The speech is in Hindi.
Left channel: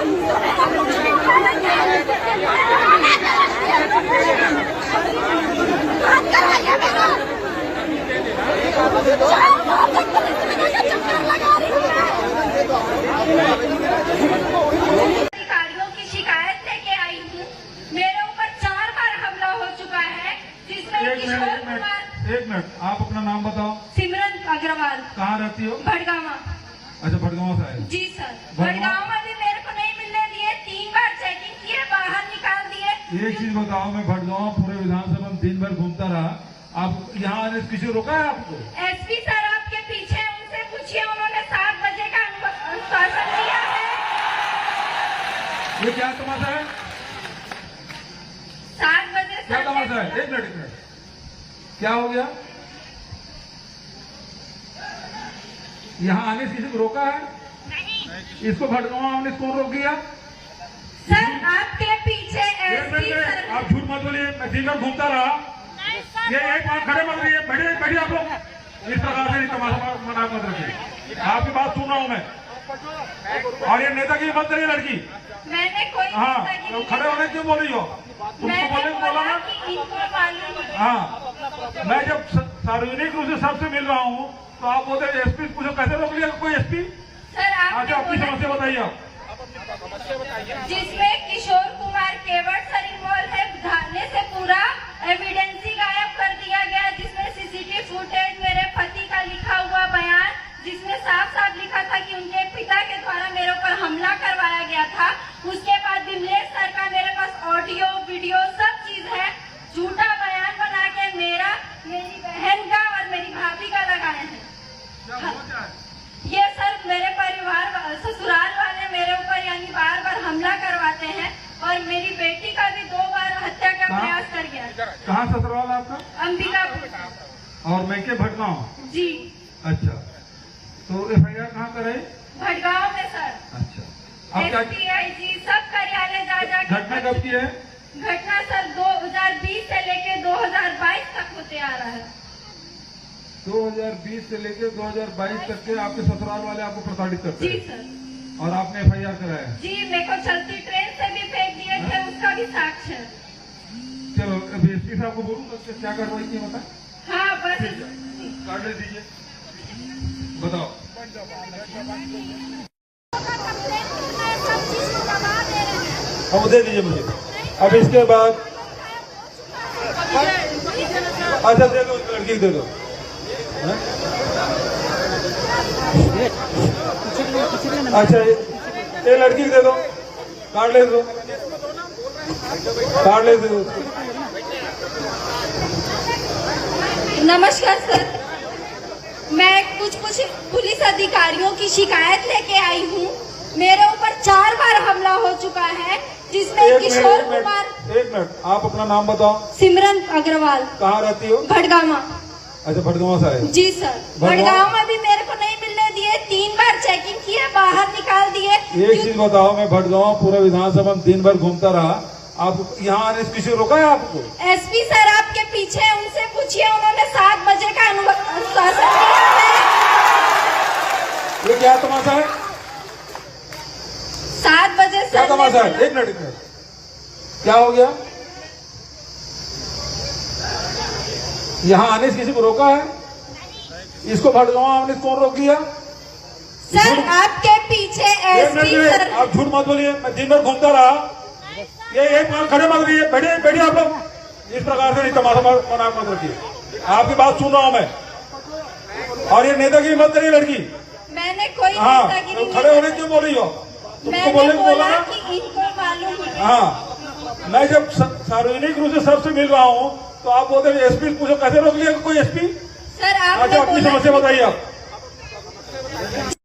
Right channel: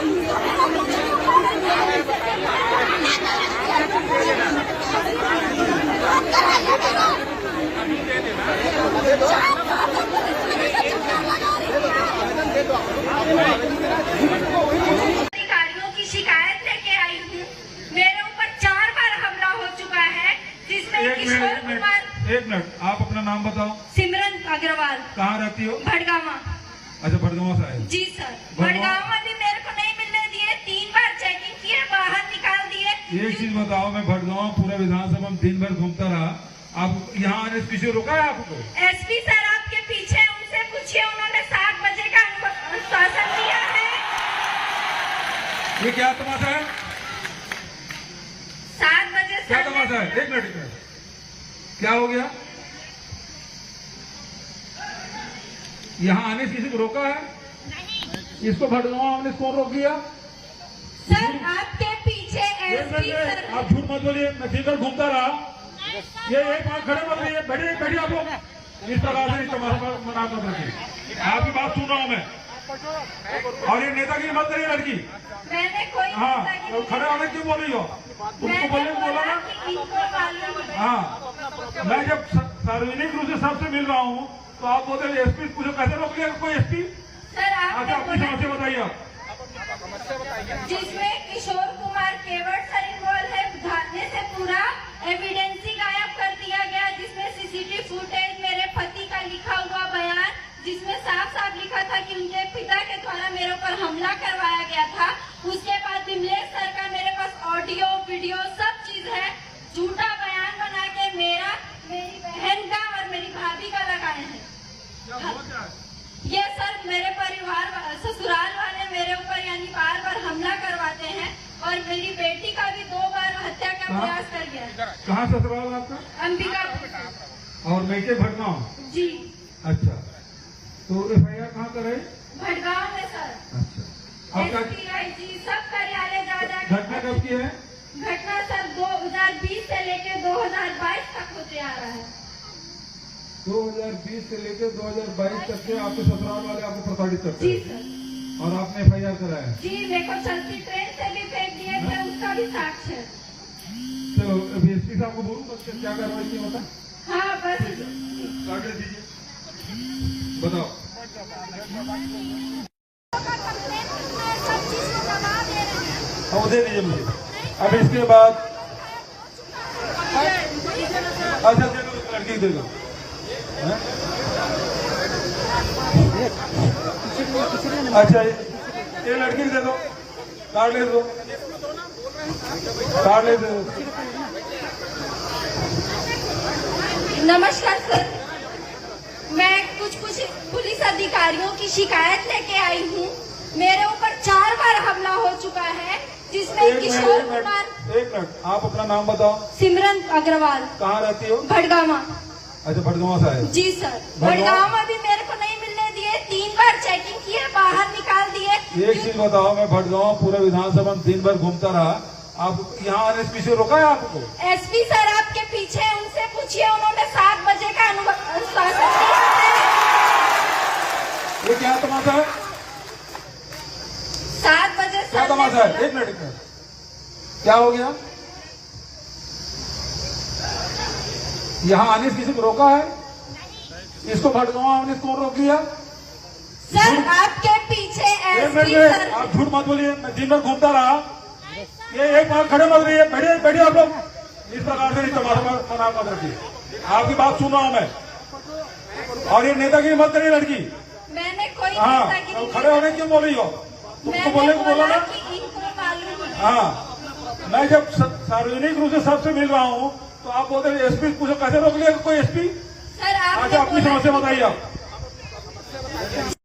अधिकारियों की शिकायत लेके आई हूँ। मेरे ऊपर 4 बार हमला हो चुका है, जिसमें किशोर कुमार। एक मिनट, आप अपना नाम बताओ। सिमरन अग्रवाल। कहाँ रहती हो? भड़गामा। अच्छा, भड़गामा से आए। जी सर। भड़गामा में भी मेरे को नहीं मिलने दिए, 3 बार चेकिंग किए, बाहर निकाल दिए। एक चीज बताओ, मैं भड़गामा पूरा विधानसभा में 3 बार घूमता रहा, आप यहाँ आने से किसी रोका है आपको? एसपी सर आपके पीछे, उनसे पूछिए, उन्होंने 7 बजे का आश्वासन दिया है। ये क्या तमाशा है? 7 बजे से क्या तमाशा है? एक मिनट, क्या हो गया? यहाँ आने से किसी को रोका है? इसको भड़गामा आने से कौन रोक दिया? सर आपके पीछे एसपी सर। आप झूठ मत बोलिए, मैं 3 बार घूमता रहा। ये एक बात खड़े मत रहिए, बैठिए आप लोग। इस प्रकार से तमाशा मना मत रखिए। आपकी बात सुन रहा हूँ मैं। और ये नेतागिरी मत करिए लड़की। मैंने कोई हाँ, तो खड़े होने क्यों बोल रही हो? उनको बोलने को बोला ना। हाँ, मैं जब सार्वजनिक रूप से सबसे मिल रहा हूँ तो आप बोलते हैं एसपी पूछो, कैसे रोक लिया कोई एसपी? सर अच्छा, अपनी समस्या बताइए आप। जिसमें किशोर कुमार केवट सर इन्वॉल्व है, धारने से पूरा एविडेंस ही गायब कर दिया गया, जिसमें सीसीटीवी फुटेज, मेरे पति का लिखा हुआ बयान, जिसमें साफ साफ लिखा था कि उनके पिता के द्वारा मेरे ऊपर हमला करवाया गया था। उसके बाद विमलेश सर का मेरे पास ऑडियो वीडियो सब चीज है। झूठा बयान बना के मेरा, मेरी बहन का और मेरी भाभी का लगाए हैं। ये सर मेरे परिवार ससुराल वाले मेरे ऊपर यानी बार हमला करवाते हैं, और मेरी बेटी का भी 2 बार हत्या का प्रयास कर गया। कहाँ ससुराल आपका? अंबिकापुर। और मैं के भड़गांव? जी। अच्छा, तो FIR कहाँ करे? भड़गांव में सर। अच्छा, अब क्या SPIG सब कार्यालय जा घटना कब की है? घटना सर 2020 से लेके 2022 तक होते आ रहा है। 2020 से लेके 2022 तक के आपके ससुराल वाले आपको प्रताड़ित करते जी हैं? सर। और आपने FIR कराया है? जी, मेरे को चलती ट्रेन से भी फेंक दिए थे, उसका भी साक्ष्य है। चलो, एसपी साहब को बोलूँ तो क्या कार्रवाई की बता? हाँ बस। कार्ड ले दीजिए, बताओ। अब दे दीजिए मुझे। अब इसके बाद अच्छा दे दो, लड़की दे दो। अच्छा, ये लड़की दे दो, कार्ड ले दो, कार्ड ले दो। नमस्कार सर, मैं कुछ पुलिस अधिकारियों की शिकायत लेके आई हूँ। मेरे ऊपर 4 बार हमला हो चुका है, जिसमें किशोर कुमार। एक मिनट, आप अपना नाम बताओ। सिमरन अग्रवाल। कहाँ रहती हो? भड़गामा। अच्छा, भड़गामा से आए। जी सर। भड़गामा भी मेरे को नहीं मिलने दिए, 3 बार चेकिंग किए, बाहर निकाल दिए। एक चीज बताओ, मैं भड़गामा पूरा विधानसभा में 3 बार घूमता रहा, आप यहाँ आने से किसी रोका है आपको? एसपी सर आपके पीछे, उनसे पूछिए, उन्होंने 7 बजे का आश्वासन दिया है। ये क्या तमाशा है? 7 बजे क्या सर। तमाशा है? एक मिनट, क्या हो गया? यहाँ आने से किसी को रोका है? इसको भड़गामा आने से कौन रोक दिया? सर आपके पीछे एसपी सर। आप झूठ मत बोलिए, मैं 3 बार घूमता रहा। ये एक बात खड़े मत रहिए, बैठिए आप लोग। इस प्रकार से तमाशा मना मत रखिए। आपकी बात सुन रहा हूँ मैं। और ये नेतागिरी मत करिए लड़की। मैंने कोई हाँ, नेतागिरी तो खड़े होने क्यों बोल रही हो? तुमको बोलने को बोला ना। इनको मालूम है। हाँ, मैं जब सार्वजनिक रूप से सबसे मिल रहा हूँ तो आप बोलते हैं एसपी पूछो, कैसे रोक लिया कोई एसपी? सर अच्छा, अपनी समस्या बताइए आप।